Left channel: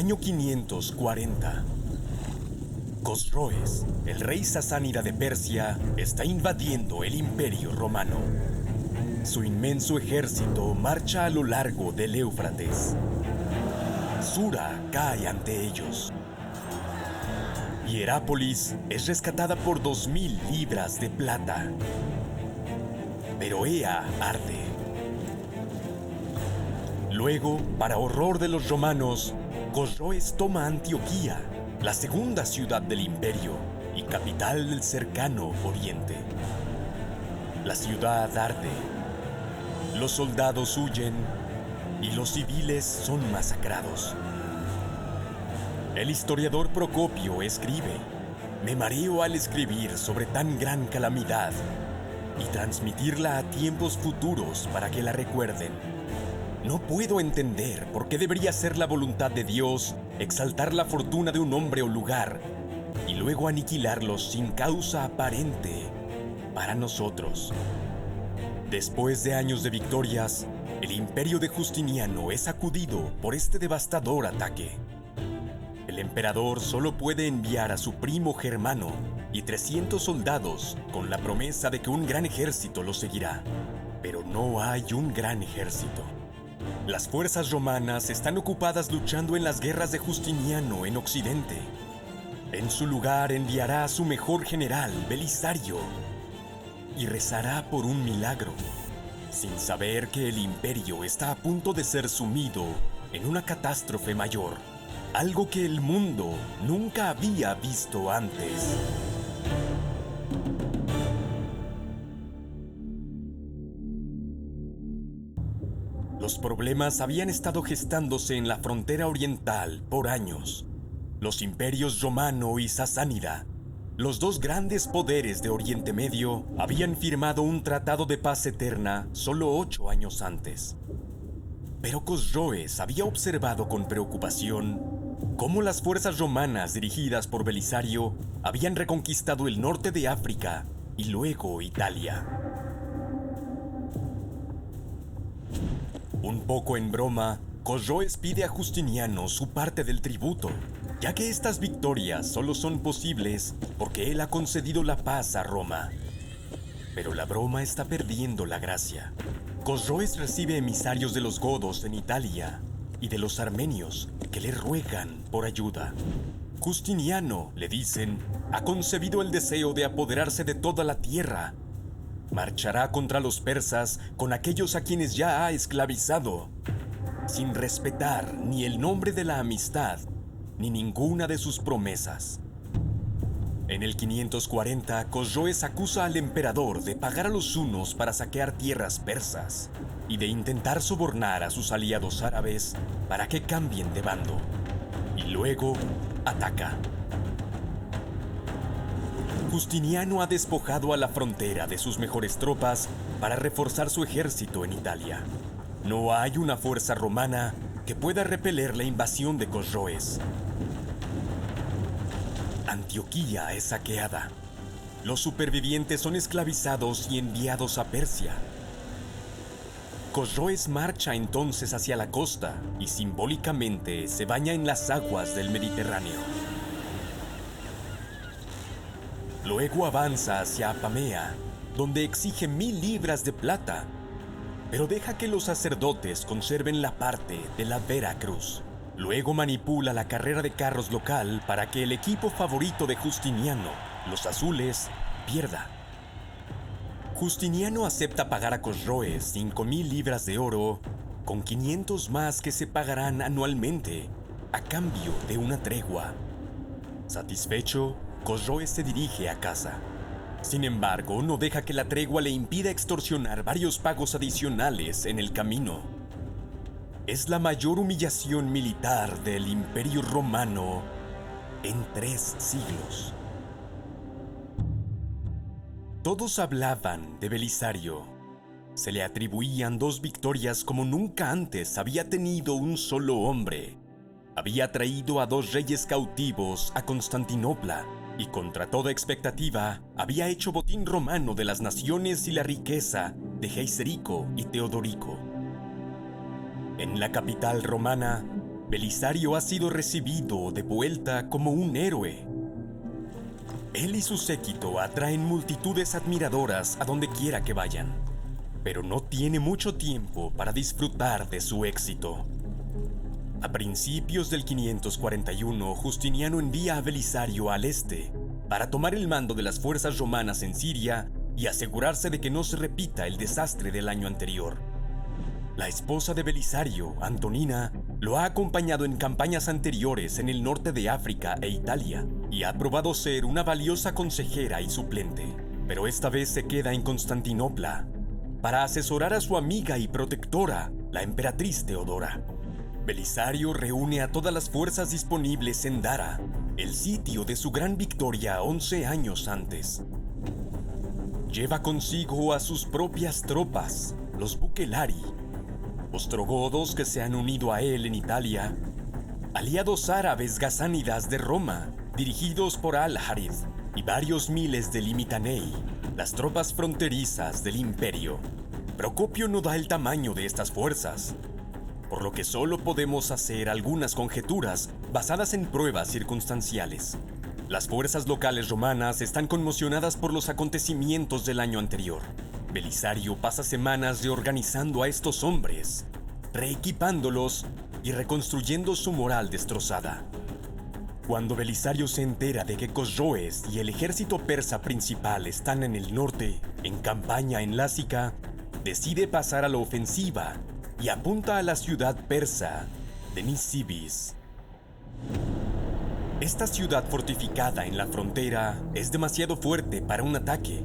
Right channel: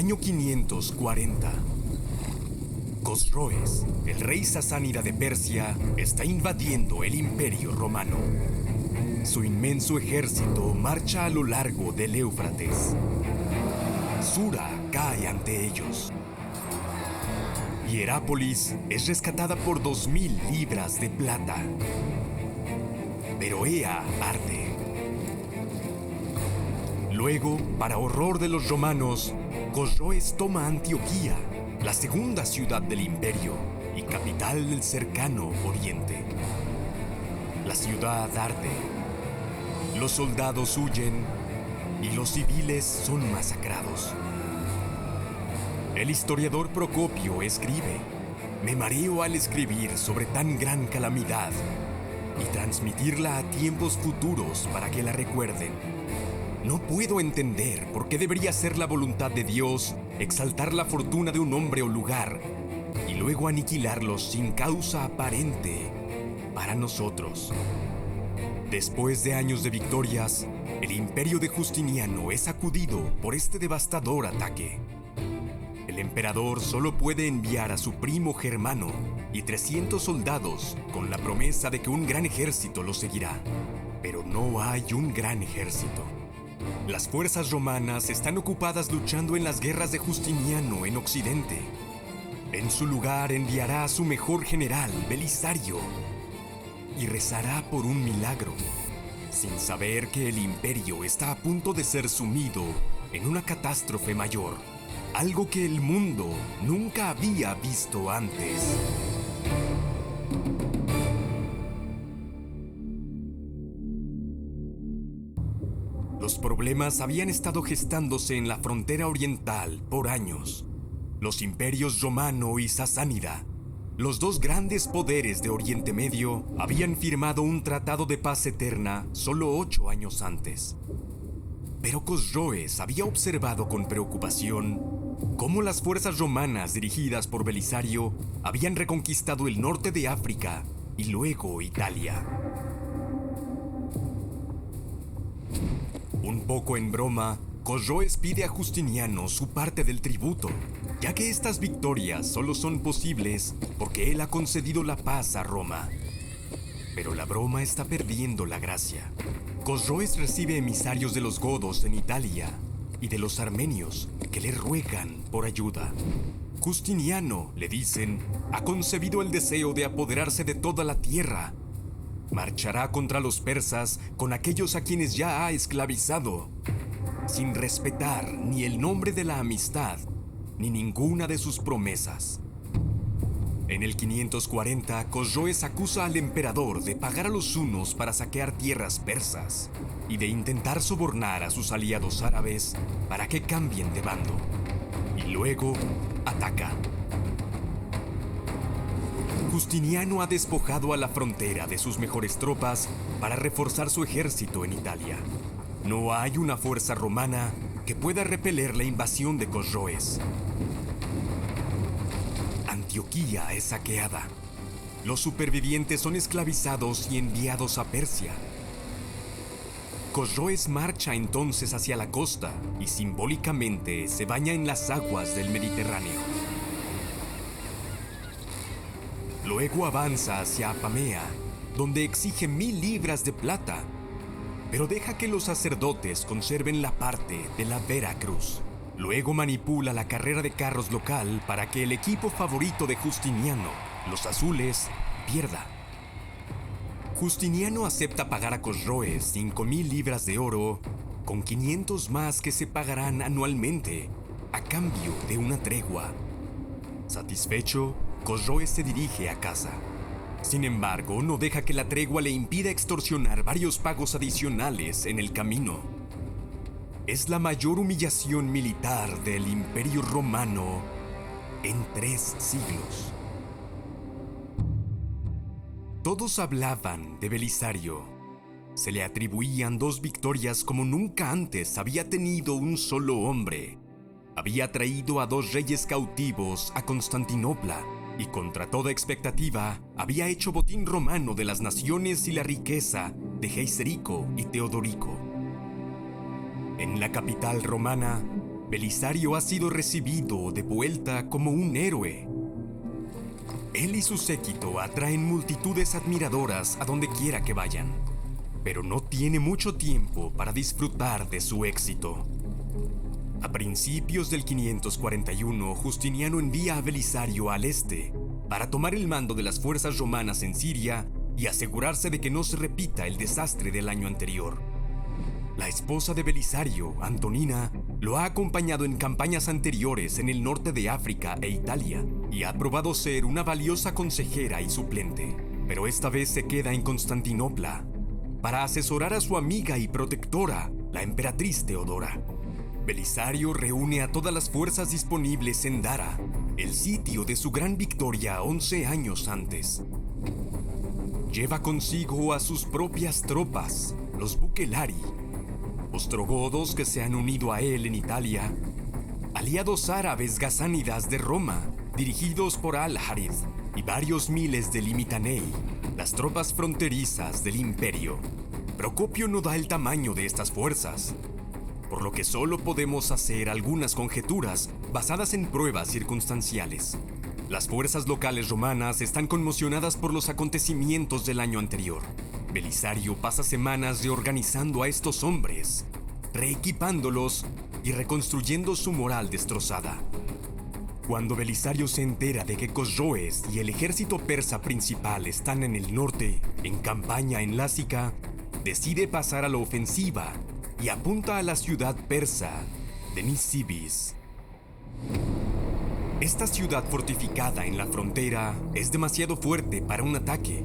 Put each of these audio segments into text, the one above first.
Año 540. Cosroes, el rey sasánida de Persia, está invadiendo el Imperio Romano. Su inmenso ejército marcha a lo largo del Éufrates. Sura cae ante ellos. Hierápolis es rescatada por 2000 libras de plata. Pero Ea arde. Luego, para horror de los romanos, Cosroes toma Antioquía, la segunda ciudad del imperio y capital del cercano Oriente. La ciudad arde, los soldados huyen y los civiles son masacrados. El historiador Procopio escribe: me mareo al escribir sobre tan gran calamidad y transmitirla a tiempos futuros para que la recuerden. No puedo entender por qué debería ser la voluntad de Dios exaltar la fortuna de un hombre o lugar y luego aniquilarlos sin causa aparente para nosotros. Después de años de victorias, el imperio de Justiniano es sacudido por este devastador ataque. El emperador solo puede enviar a su primo Germano y 300 soldados con la promesa de que un gran ejército lo seguirá. Pero no hay un gran ejército. Las fuerzas romanas están ocupadas luchando en las guerras de Justiniano en Occidente. En su lugar enviará a su mejor general, Belisario, y rezará por un milagro, sin saber que el imperio está a punto de ser sumido en una catástrofe mayor, algo que el mundo nunca había visto antes. Los problemas habían estado gestándose en la frontera oriental por años. Los imperios romano y sasánida, los dos grandes poderes de Oriente Medio, habían firmado un tratado de paz eterna solo 8 años antes. Pero Cosroes había observado con preocupación cómo las fuerzas romanas dirigidas por Belisario habían reconquistado el norte de África y luego Italia. Un poco en broma, Cosroes pide a Justiniano su parte del tributo, ya que estas victorias solo son posibles porque él ha concedido la paz a Roma. Pero la broma está perdiendo la gracia. Cosroes recibe emisarios de los godos en Italia y de los armenios que le ruegan por ayuda. Justiniano, le dicen, ha concebido el deseo de apoderarse de toda la tierra. Marchará contra los persas con aquellos a quienes ya ha esclavizado, sin respetar ni el nombre de la amistad, ni ninguna de sus promesas. En el 540, Cosroes acusa al emperador de pagar a los hunos para saquear tierras persas y de intentar sobornar a sus aliados árabes para que cambien de bando. Y luego ataca. Justiniano ha despojado a la frontera de sus mejores tropas para reforzar su ejército en Italia. No hay una fuerza romana que pueda repeler la invasión de Cosroes. Antioquía es saqueada. Los supervivientes son esclavizados y enviados a Persia. Cosroes marcha entonces hacia la costa y simbólicamente se baña en las aguas del Mediterráneo. Luego avanza hacia Apamea, donde exige 1000 libras de plata, pero deja que los sacerdotes conserven la parte de la Vera Cruz. Luego manipula la carrera de carros local para que el equipo favorito de Justiniano, los azules, pierda. Justiniano acepta pagar a Cosroes 5000 libras de oro, con 500 más que se pagarán anualmente, a cambio de una tregua. Satisfecho, Cosroes se dirige a casa. Sin embargo, no deja que la tregua le impida extorsionar varios pagos adicionales en el camino. Es la mayor humillación militar del Imperio Romano en 3 siglos. Todos hablaban de Belisario. Se le atribuían 2 victorias como nunca antes había tenido un solo hombre. Había traído a 2 reyes cautivos a Constantinopla y contra toda expectativa había hecho botín romano de las naciones y la riqueza de Geiserico y Teodorico. En la capital romana, Belisario ha sido recibido de vuelta como un héroe. Él y su séquito atraen multitudes admiradoras a donde quiera que vayan, pero no tiene mucho tiempo para disfrutar de su éxito. A principios del 541, Justiniano envía a Belisario al este para tomar el mando de las fuerzas romanas en Siria y asegurarse de que no se repita el desastre del año anterior. La esposa de Belisario, Antonina, lo ha acompañado en campañas anteriores en el norte de África e Italia y ha probado ser una valiosa consejera y suplente, pero esta vez se queda en Constantinopla para asesorar a su amiga y protectora, la emperatriz Teodora. Belisario reúne a todas las fuerzas disponibles en Dara, el sitio de su gran victoria 11 años antes. Lleva consigo a sus propias tropas, los Bucelari, ostrogodos que se han unido a él en Italia, aliados árabes gasánidas de Roma, dirigidos por Al-Harith, y varios miles de Limitanei, las tropas fronterizas del imperio. Procopio no da el tamaño de estas fuerzas, por lo que solo podemos hacer algunas conjeturas basadas en pruebas circunstanciales. Las fuerzas locales romanas están conmocionadas por los acontecimientos del año anterior. Belisario pasa semanas reorganizando a estos hombres, reequipándolos y reconstruyendo su moral destrozada. Cuando Belisario se entera de que Cosroes y el ejército persa principal están en el norte, en campaña en Lásica, decide pasar a la ofensiva y apunta a la ciudad persa de Nisibis. Esta ciudad fortificada en la frontera es demasiado fuerte para un ataque,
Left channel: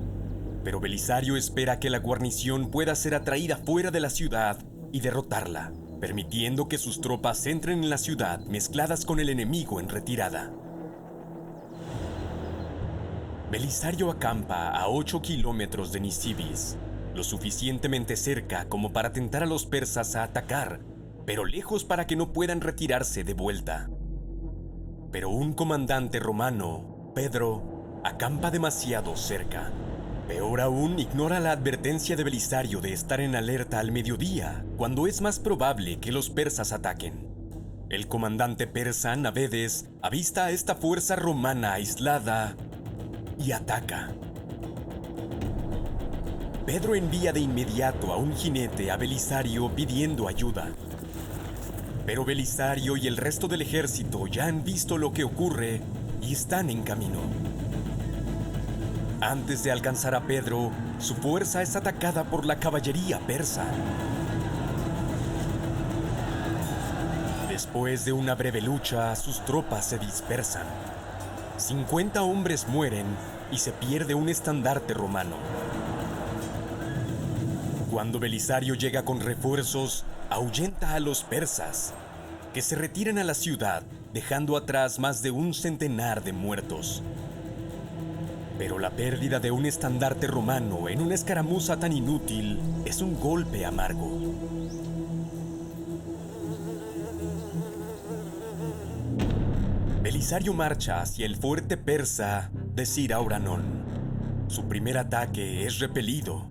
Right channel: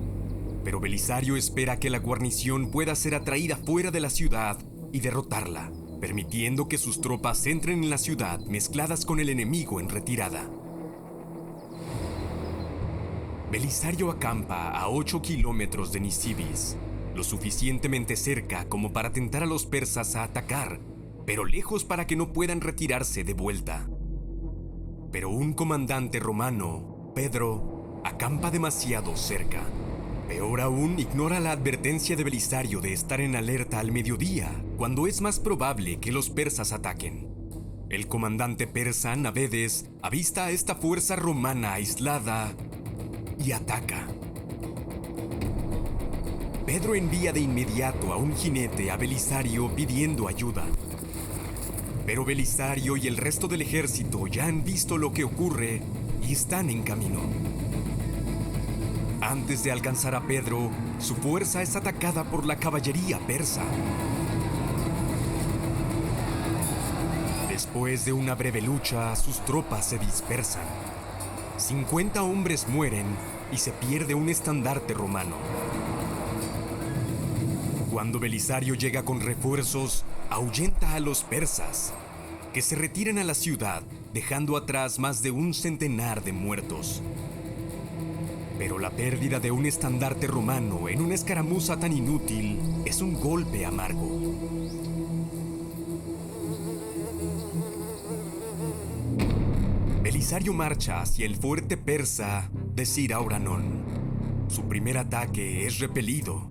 pero Belisario espera que la guarnición pueda ser atraída fuera de la ciudad y derrotarla, permitiendo que sus tropas entren en la ciudad mezcladas con el enemigo en retirada. Belisario acampa a 8 kilómetros de Nisibis, lo suficientemente cerca como para tentar a los persas a atacar, pero lejos para que no puedan retirarse de vuelta. Pero un comandante romano, Pedro, acampa demasiado cerca. Peor aún, ignora la advertencia de Belisario de estar en alerta al mediodía, cuando es más probable que los persas ataquen. El comandante persa, Navedes, avista a esta fuerza romana aislada y ataca. Pedro envía de inmediato a un jinete a Belisario pidiendo ayuda. Pero Belisario y el resto del ejército ya han visto lo que ocurre y están en camino. Antes de alcanzar a Pedro, su fuerza es atacada por la caballería persa. Después de una breve lucha, sus tropas se dispersan. 50 hombres mueren y se pierde un estandarte romano. Cuando Belisario llega con refuerzos, ahuyenta a los persas, que se retiran a la ciudad, dejando atrás más de un centenar de muertos. Pero la pérdida de un estandarte romano en una escaramuza tan inútil es un golpe amargo. Belisario marcha hacia el fuerte persa de Sir-Auranón. Su primer ataque es repelido.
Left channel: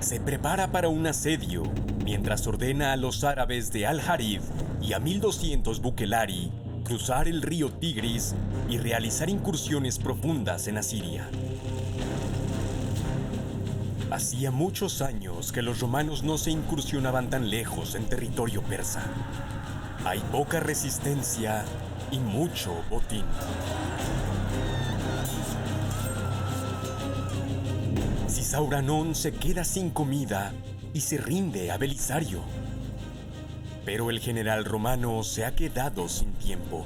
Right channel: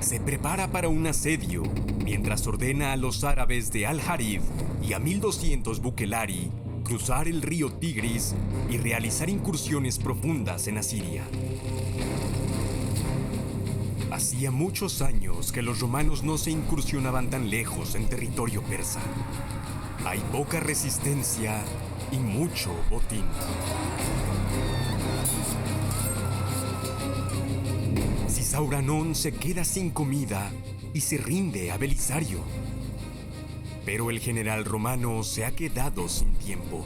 Se prepara para un asedio mientras ordena a los árabes de Al-Harith y a 1200 Bucelari cruzar el río Tigris y realizar incursiones profundas en Asiria. Hacía muchos años que los romanos no se incursionaban tan lejos en territorio persa. Hay poca resistencia y mucho botín. Sisauranón se queda sin comida y se rinde a Belisario. Pero el general romano se ha quedado sin tiempo.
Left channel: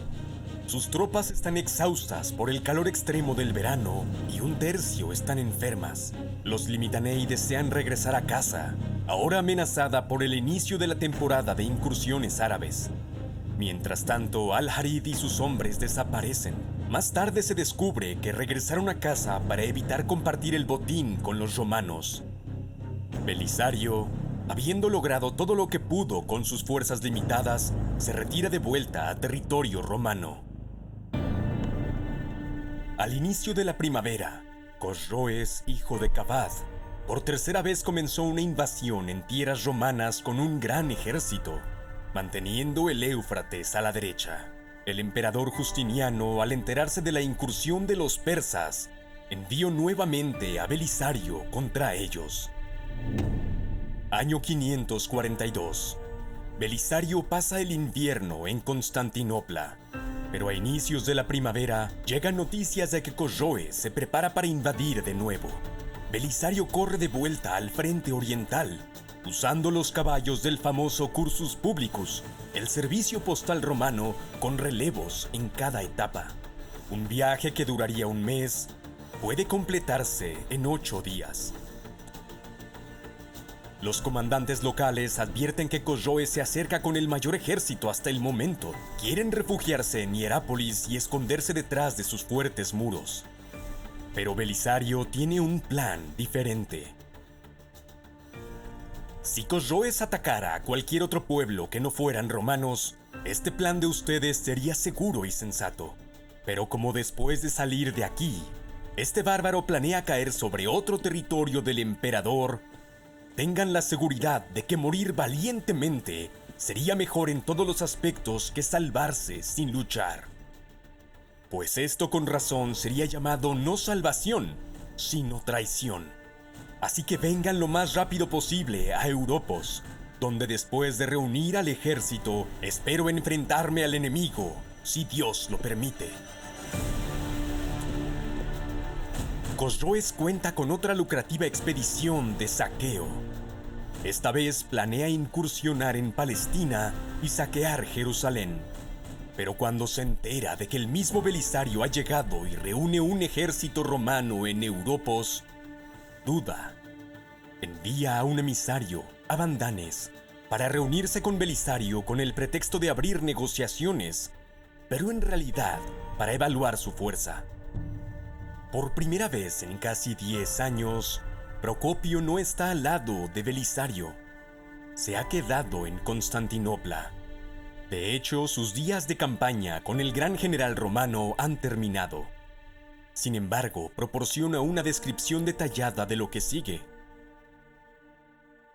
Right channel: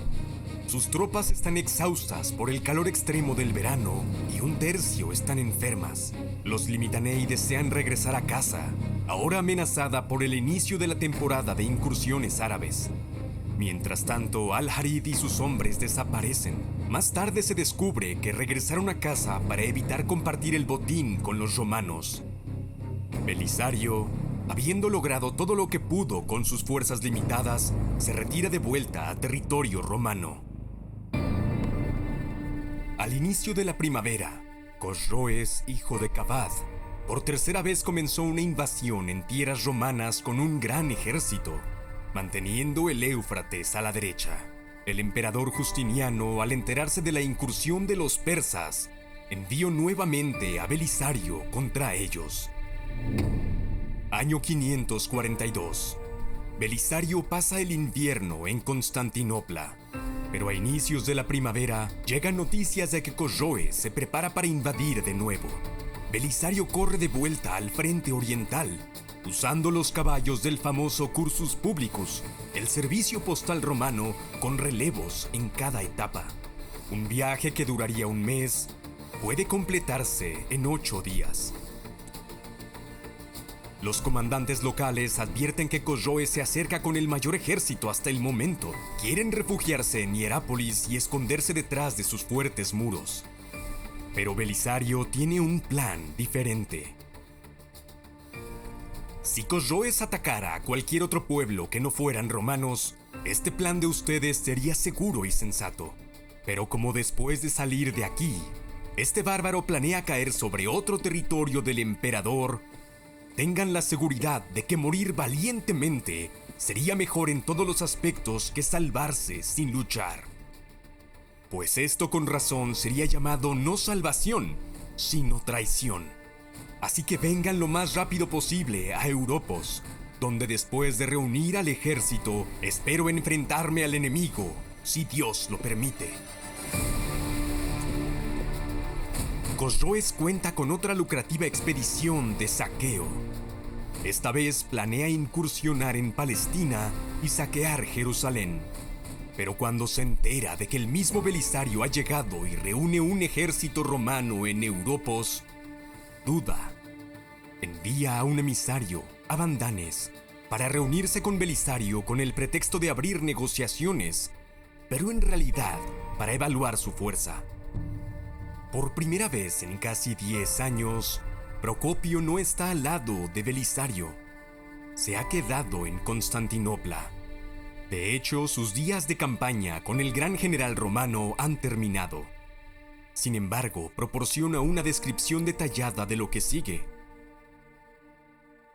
Sus tropas están exhaustas por el calor extremo del verano y un tercio están enfermas. Los Limitanei desean regresar a casa, ahora amenazada por el inicio de la temporada de incursiones árabes. Mientras tanto, Al-Harith y sus hombres desaparecen. Más tarde se descubre que regresaron a casa para evitar compartir el botín con los romanos. Belisario, habiendo logrado todo lo que pudo con sus fuerzas limitadas, se retira de vuelta a territorio romano. Al inicio de la primavera, Cosroes, hijo de Cabad, por tercera vez comenzó una invasión en tierras romanas con un gran ejército. manteniendo el Éufrates a la derecha. El emperador Justiniano, al enterarse de la incursión de los persas, envió nuevamente a Belisario contra ellos. Año 542. Belisario pasa el invierno en Constantinopla, pero a inicios de la primavera llegan noticias de que Cosroes se prepara para invadir de nuevo. Belisario corre de vuelta al frente oriental, usando los caballos del famoso Cursus Publicus, el servicio postal romano con relevos en cada etapa. Un viaje que duraría un mes puede completarse en 8 días. Los comandantes locales advierten que Cosroes se acerca con el mayor ejército hasta el momento. Quieren refugiarse en Hierápolis y esconderse detrás de sus fuertes muros. Pero Belisario tiene un plan diferente. Si Cosroes atacara a cualquier otro pueblo que no fueran romanos, este plan de ustedes sería seguro y sensato. Pero como después de salir de aquí, este bárbaro planea caer sobre otro territorio del emperador, tengan la seguridad de que morir valientemente sería mejor en todos los aspectos que salvarse sin luchar. Pues esto con razón sería llamado no salvación, sino traición. Así que vengan lo más rápido posible a Europos, donde después de reunir al ejército, espero enfrentarme al enemigo, si Dios lo permite. Cosroes cuenta con otra lucrativa expedición de saqueo. Esta vez planea incursionar en Palestina y saquear Jerusalén. Pero cuando se entera de que el mismo Belisario ha llegado y reúne un ejército romano en Europos, duda. Envía a un emisario, Abandanes, para reunirse con Belisario con el pretexto de abrir negociaciones, pero en realidad para evaluar su fuerza. Por primera vez en casi 10 años, Procopio no está al lado de Belisario. Se ha quedado en Constantinopla. De hecho, sus días de campaña con el gran general romano han terminado. Sin embargo, proporciona una descripción detallada de lo que sigue.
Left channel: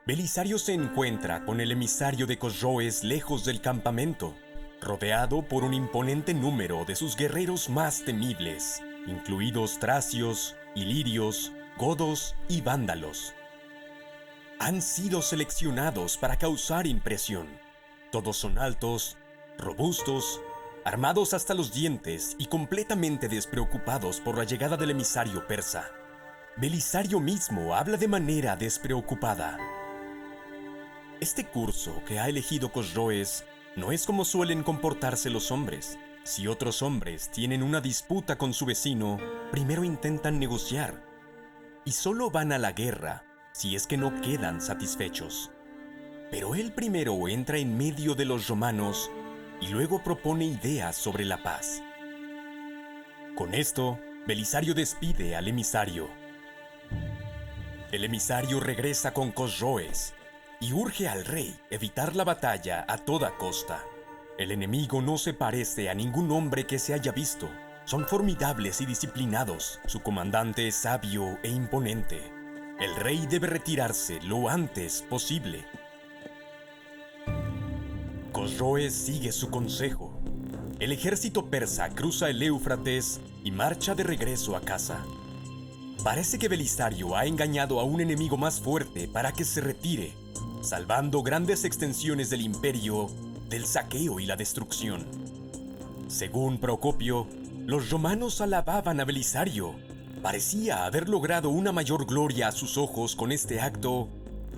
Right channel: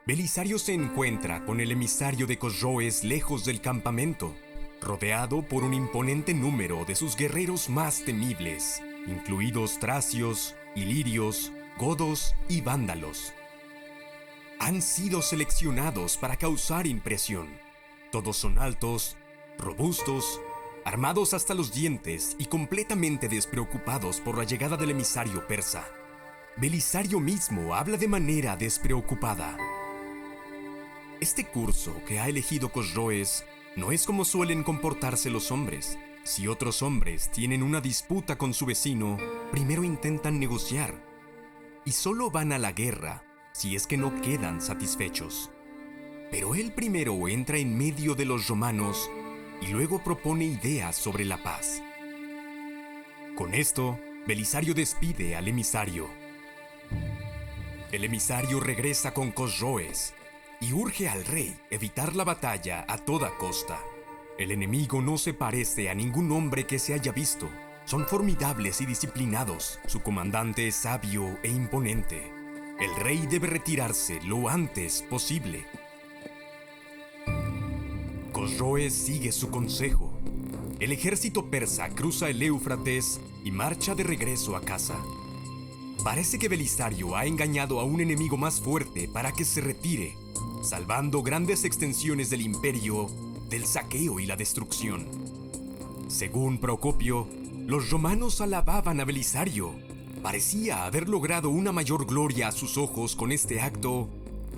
Belisario se encuentra con el emisario de Cosroes lejos del campamento, rodeado por un imponente número de sus guerreros más temibles, incluidos tracios, ilirios, godos y vándalos. Han sido seleccionados para causar impresión. Todos son altos, robustos, armados hasta los dientes y completamente despreocupados por la llegada del emisario persa. Belisario mismo habla de manera despreocupada. Este curso que ha elegido Cosroes no es como suelen comportarse los hombres. Si otros hombres tienen una disputa con su vecino, primero intentan negociar. Y solo van a la guerra si es que no quedan satisfechos. Pero él primero entra en medio de los romanos y luego propone ideas sobre la paz. Con esto, Belisario despide al emisario. El emisario regresa con Cosroes y urge al rey evitar la batalla a toda costa. El enemigo no se parece a ningún hombre que se haya visto. Son formidables y disciplinados. Su comandante es sabio e imponente. El rey debe retirarse lo antes posible. Cosroes sigue su consejo. El ejército persa cruza el Éufrates y marcha de regreso a casa. Parece que Belisario ha engañado a un enemigo más fuerte para que se retire, salvando grandes extensiones del imperio del saqueo y la destrucción. Según Procopio, los romanos alababan a Belisario. Parecía haber logrado una mayor gloria a sus ojos con este acto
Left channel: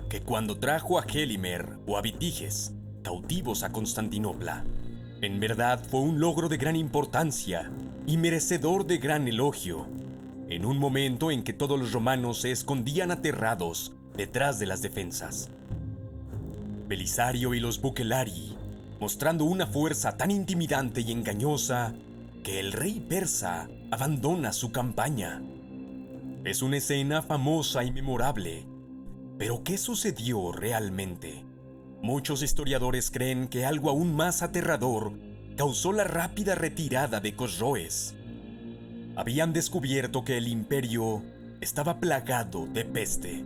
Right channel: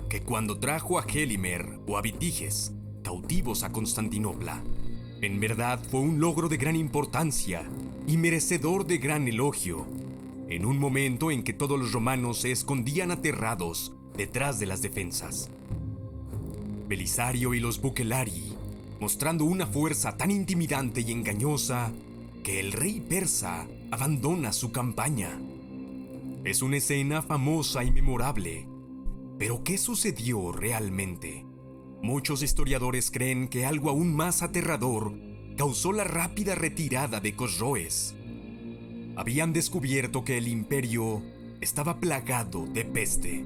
que cuando trajo a Gélimer o a Vitiges, cautivos a Constantinopla. En verdad fue un logro de gran importancia y merecedor de gran elogio, en un momento en que todos los romanos se escondían aterrados detrás de las defensas. Belisario y los Bucelari, mostrando una fuerza tan intimidante y engañosa que el rey persa abandona su campaña. Es una escena famosa y memorable. ¿Pero qué sucedió realmente? Muchos historiadores creen que algo aún más aterrador causó la rápida retirada de Cosroes. Habían descubierto que el imperio estaba plagado de peste.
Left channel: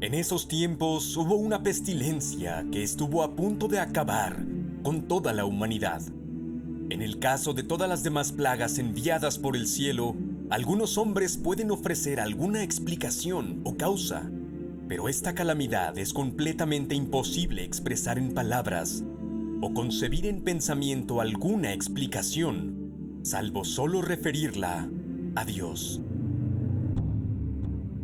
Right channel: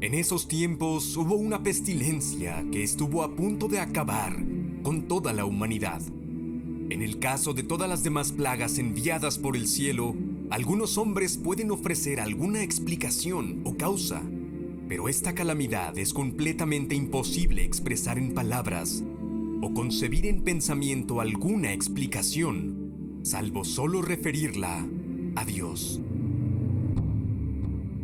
En esos tiempos hubo una pestilencia que estuvo a punto de acabar con toda la humanidad. En el caso de todas las demás plagas enviadas por el cielo, algunos hombres pueden ofrecer alguna explicación o causa, pero esta calamidad es completamente imposible expresar en palabras o concebir en pensamiento alguna explicación, salvo solo referirla a Dios.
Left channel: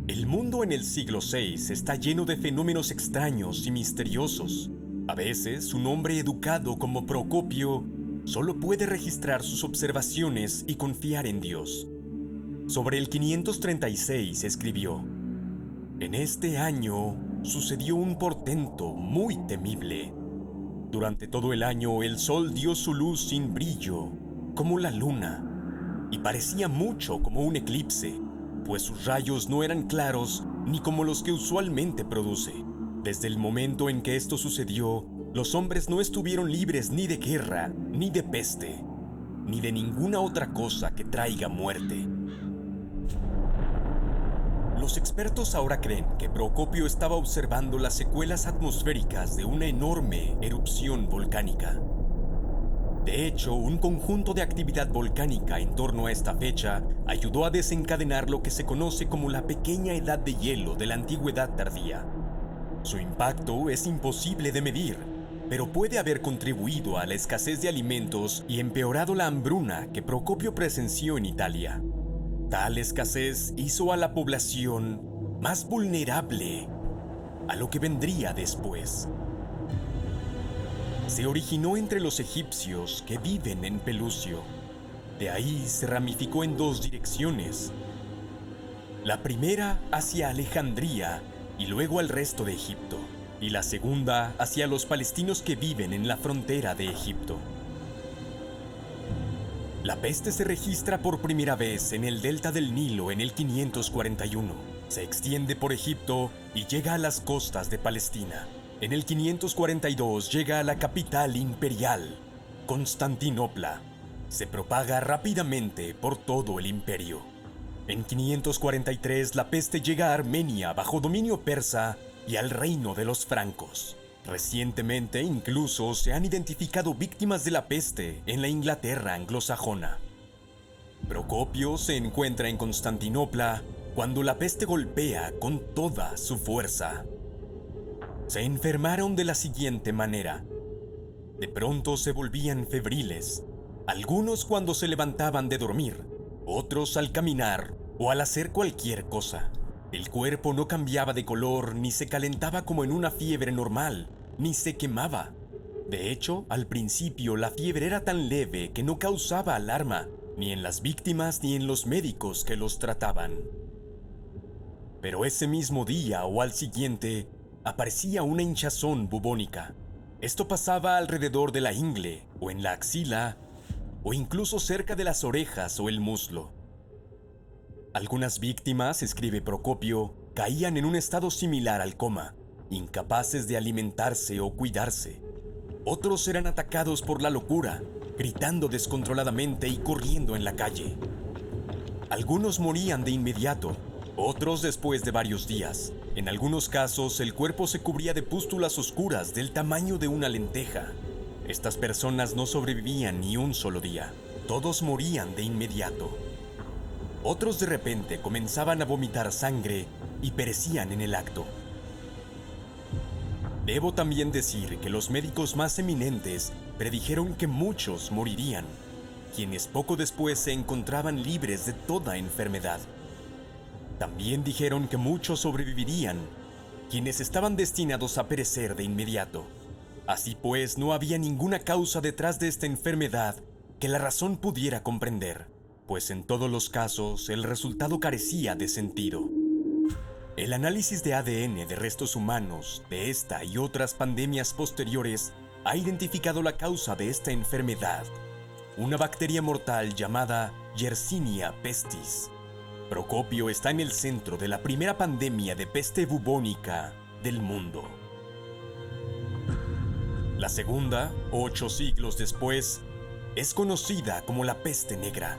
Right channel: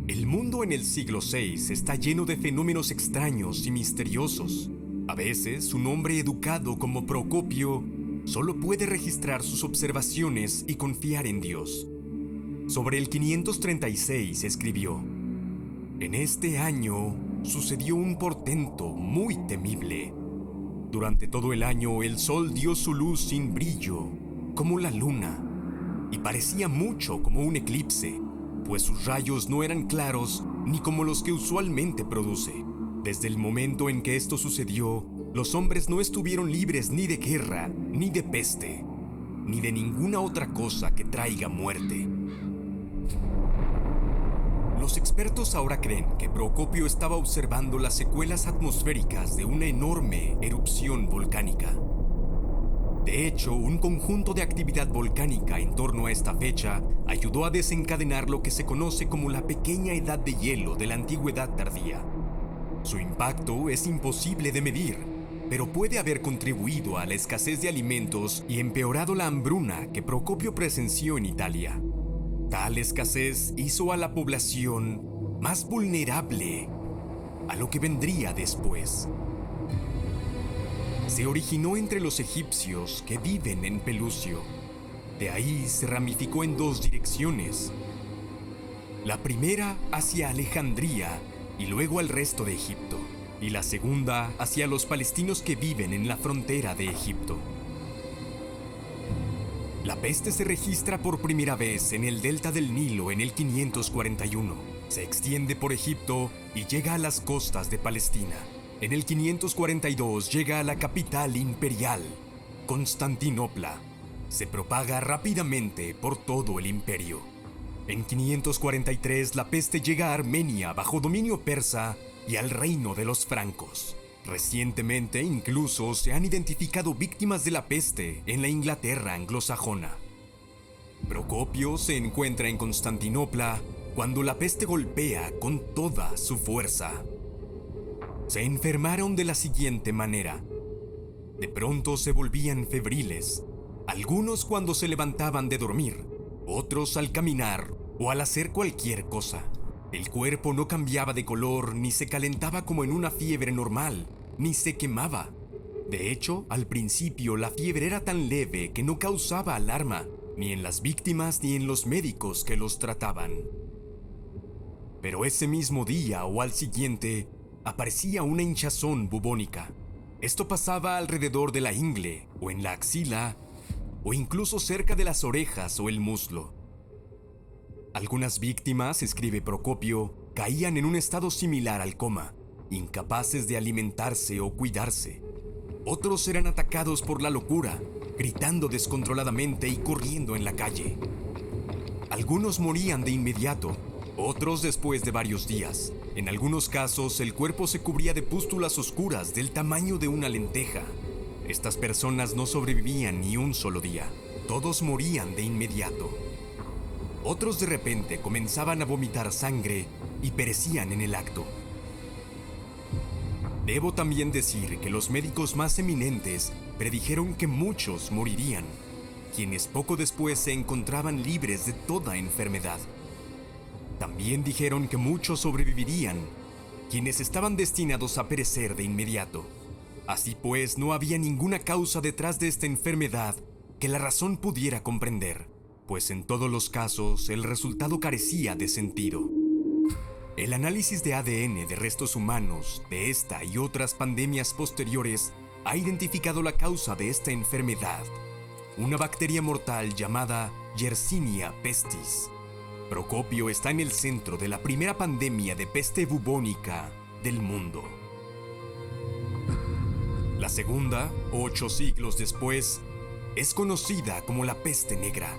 El mundo en el siglo VI está lleno de fenómenos extraños y misteriosos. A veces, un hombre educado como Procopio solo puede registrar sus observaciones y confiar en Dios. Sobre el 536 escribió: en este año sucedió un portento muy temible. Durante todo el año el sol dio su luz sin brillo, como la luna, y parecía mucho como un eclipse, pues sus rayos no eran claros ni como los que usualmente produce. Desde el momento en que esto sucedió, los hombres no estuvieron libres ni de guerra, ni de peste, ni de ninguna otra cosa que traiga muerte. Los expertos ahora creen que Procopio estaba observando las secuelas atmosféricas de una enorme erupción volcánica. De hecho, un conjunto de actividad volcánica en torno a esta fecha ayudó a desencadenar lo que se conoce como la pequeña edad de hielo de la antigüedad tardía. Su impacto es imposible de medir, pero puede haber contribuido a la escasez de alimentos y empeorado la hambruna que Procopio presenció en Italia. Tal escasez hizo a la población más vulnerable a lo que vendría después. Se originó entre los egipcios que viven en Pelusio. De ahí se ramificó en dos direcciones. La primera hacia Alejandría y luego al resto de Egipto, y la segunda hacia los palestinos que viven en la frontera de Egipto. La peste se registra por primera vez en el delta del Nilo en el 541. Se extiende por Egipto y llega a las costas de Palestina. En el 542 llega a la capital imperial, Constantinopla. Se propaga rápidamente por todo el imperio. En 543 la peste llega a Armenia bajo dominio persa y al reino de los francos. Recientemente incluso se han identificado víctimas de la peste en la Inglaterra anglosajona. Procopio se encuentra en Constantinopla cuando la peste golpea con toda su fuerza. Se enfermaron de la siguiente manera. De pronto se volvían febriles, algunos cuando se levantaban de dormir, otros al caminar o al hacer cualquier cosa. El cuerpo no cambiaba de color ni se calentaba como en una fiebre normal, ni se quemaba. De hecho, al principio la fiebre era tan leve que no causaba alarma, ni en las víctimas ni en los médicos que los trataban. Pero ese mismo día o al siguiente, aparecía una hinchazón bubónica. Esto pasaba alrededor de la ingle, o en la axila, o incluso cerca de las orejas o el muslo. Algunas víctimas, escribe Procopio, caían en un estado similar al coma, incapaces de alimentarse o cuidarse. Otros eran atacados por la locura, gritando descontroladamente y corriendo en la calle. Algunos morían de inmediato, otros después de varios días. En algunos casos, el cuerpo se cubría de pústulas oscuras del tamaño de una lenteja. Estas personas no sobrevivían ni un solo día. Todos morían de inmediato. Otros de repente comenzaban a vomitar sangre y perecían en el acto. Debo también decir que los médicos más eminentes predijeron que muchos morirían, quienes poco después se encontraban libres de toda enfermedad. También dijeron que muchos sobrevivirían, quienes estaban destinados a perecer de inmediato. Así pues, no había ninguna causa detrás de esta enfermedad que la razón pudiera comprender, pues en todos los casos el resultado carecía de sentido. El análisis de ADN de restos humanos de esta y otras pandemias posteriores ha identificado la causa de esta enfermedad, una bacteria mortal llamada Yersinia pestis. Procopio está en el centro de la primera pandemia de peste bubónica del mundo. La segunda, 8 siglos después, es conocida como la peste negra.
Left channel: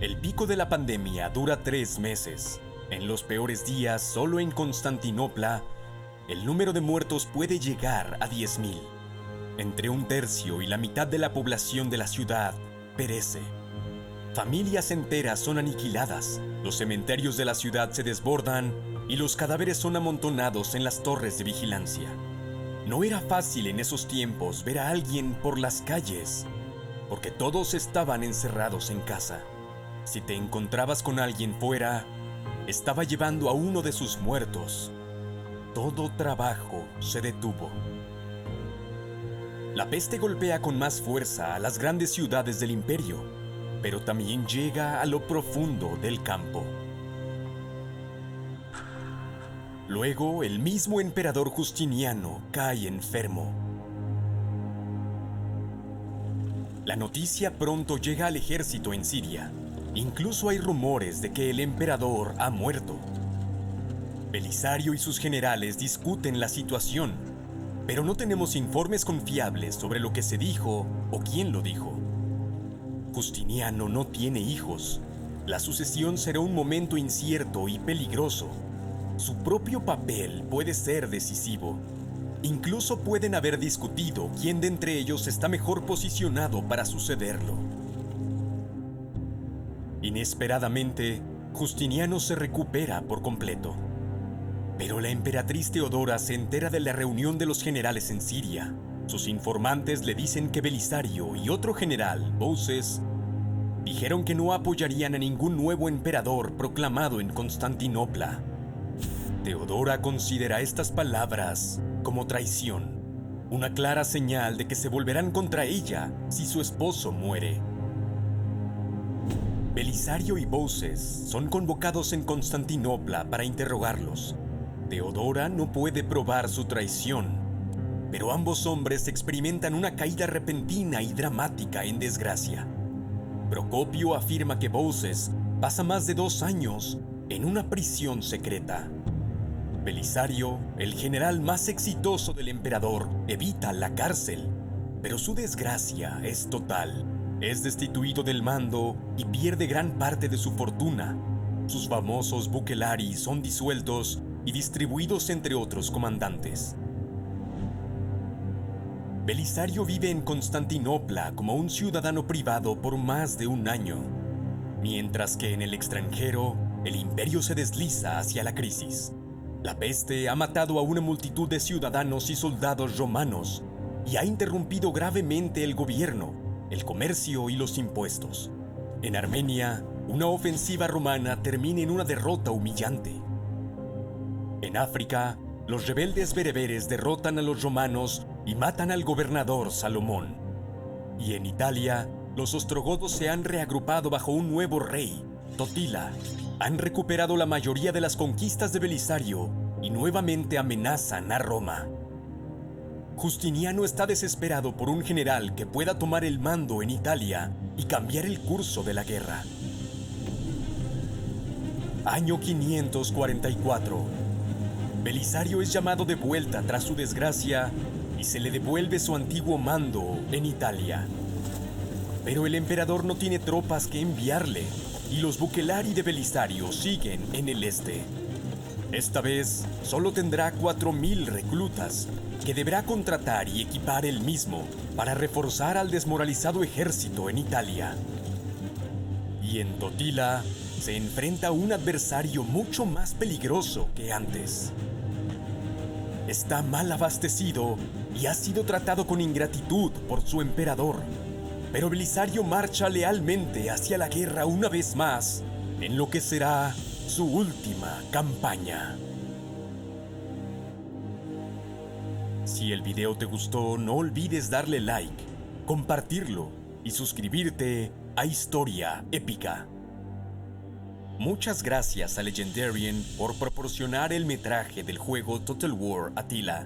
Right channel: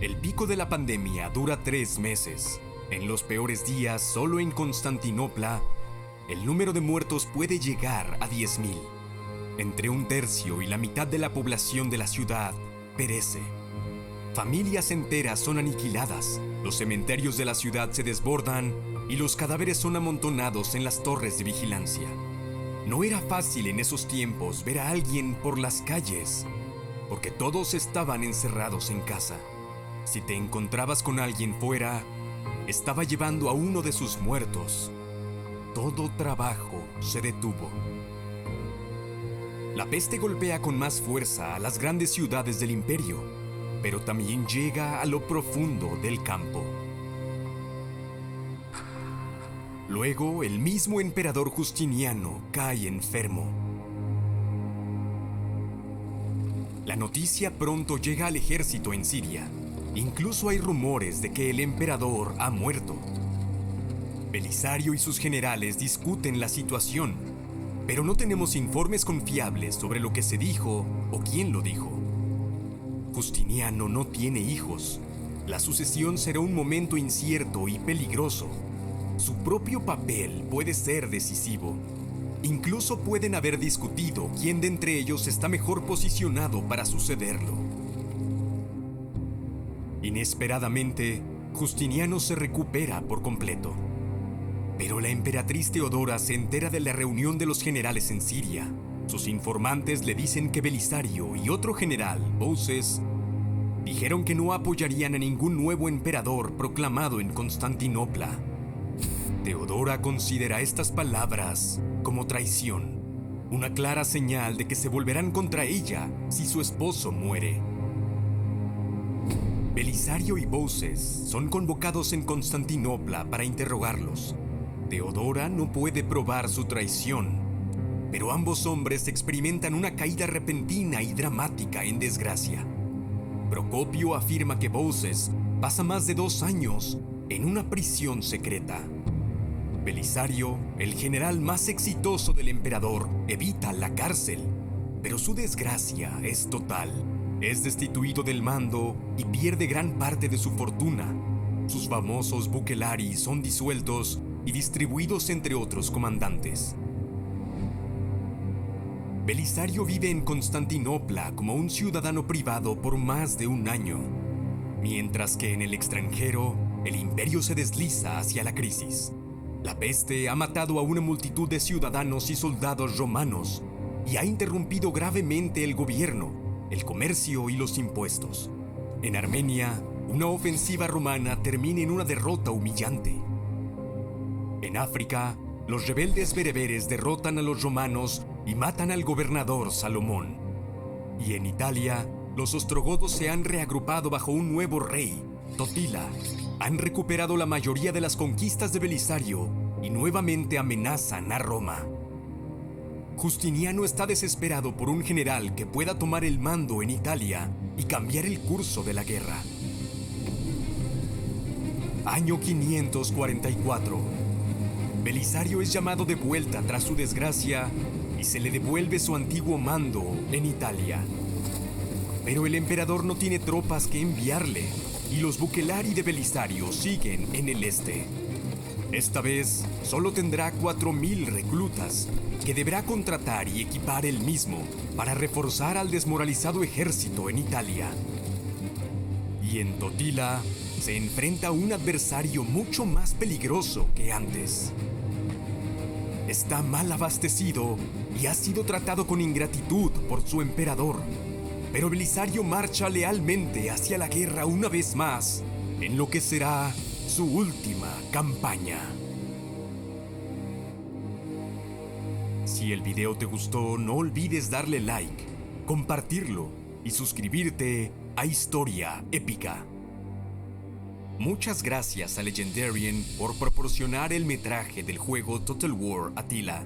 El pico de la pandemia dura 3 meses. En los peores días, solo en Constantinopla, el número de muertos puede llegar a 10.000. Entre un tercio y la mitad de la población de la ciudad perece. Familias enteras son aniquiladas, los cementerios de la ciudad se desbordan y los cadáveres son amontonados en las torres de vigilancia. No era fácil en esos tiempos ver a alguien por las calles, porque todos estaban encerrados en casa. Si te encontrabas con alguien fuera, estaba llevando a uno de sus muertos. Todo trabajo se detuvo. La peste golpea con más fuerza a las grandes ciudades del imperio, pero también llega a lo profundo del campo. Luego, el mismo emperador Justiniano cae enfermo. La noticia pronto llega al ejército en Siria. Incluso hay rumores de que el emperador ha muerto. Belisario y sus generales discuten la situación, pero no tenemos informes confiables sobre lo que se dijo o quién lo dijo. Justiniano no tiene hijos. La sucesión será un momento incierto y peligroso. Su propio papel puede ser decisivo. Incluso pueden haber discutido quién de entre ellos está mejor posicionado para sucederlo. Inesperadamente, Justiniano se recupera por completo. Pero la emperatriz Teodora se entera de la reunión de los generales en Siria. Sus informantes le dicen que Belisario y otro general, Bouses, dijeron que no apoyarían a ningún nuevo emperador proclamado en Constantinopla. Teodora considera estas palabras como traición, una clara señal de que se volverán contra ella si su esposo muere. Belisario y Bouses son convocados en Constantinopla para interrogarlos. Teodora no puede probar su traición, pero ambos hombres experimentan una caída repentina y dramática en desgracia. Procopio afirma que Bouses pasa más de 2 años en una prisión secreta. Belisario, el general más exitoso del emperador, evita la cárcel, pero su desgracia es total. Es destituido del mando y pierde gran parte de su fortuna. Sus famosos bucellari son disueltos y distribuidos entre otros comandantes. Belisario vive en Constantinopla como un ciudadano privado por más de 1 año, mientras que en el extranjero, el imperio se desliza hacia la crisis. La peste ha matado a una multitud de ciudadanos y soldados romanos y ha interrumpido gravemente el gobierno, el comercio y los impuestos. En Armenia, una ofensiva romana termina en una derrota humillante. En África, los rebeldes bereberes derrotan a los romanos y matan al gobernador Salomón. Y en Italia, los ostrogodos se han reagrupado bajo un nuevo rey, Totila. Han recuperado la mayoría de las conquistas de Belisario y nuevamente amenazan a Roma. Justiniano está desesperado por un general que pueda tomar el mando en Italia y cambiar el curso de la guerra. Año 544. Belisario es llamado de vuelta tras su desgracia y se le devuelve su antiguo mando en Italia. Pero el emperador no tiene tropas que enviarle y los bucellari de Belisario siguen en el este. Esta vez solo tendrá 4.000 reclutas que deberá contratar y equipar él mismo para reforzar al desmoralizado ejército en Italia. Y en Totila se enfrenta a un adversario mucho más peligroso que antes. Está mal abastecido y ha sido tratado con ingratitud por su emperador. Pero Belisario marcha lealmente hacia la guerra una vez más, en lo que será su última campaña. Si el video te gustó, no olvides darle like, compartirlo y suscribirte a Historia Épica. Muchas gracias a Legendarian por proporcionar el metraje del juego Total War Attila.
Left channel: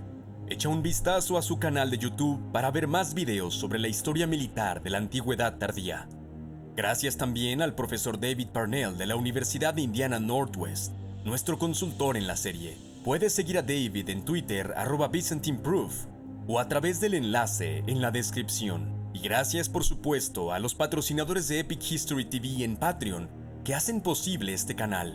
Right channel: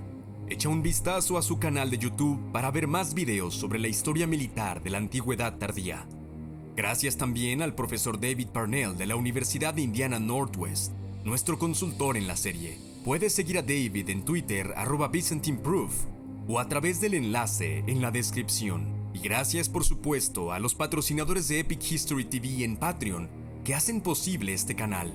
Echa un vistazo a su canal de YouTube para ver más videos sobre la historia militar de la Antigüedad Tardía. Gracias también al profesor David Parnell de la Universidad de Indiana Northwest, nuestro consultor en la serie. Puedes seguir a David en Twitter @ByzantineProof o a través del enlace en la descripción. Y gracias por supuesto a los patrocinadores de Epic History TV en Patreon que hacen posible este canal.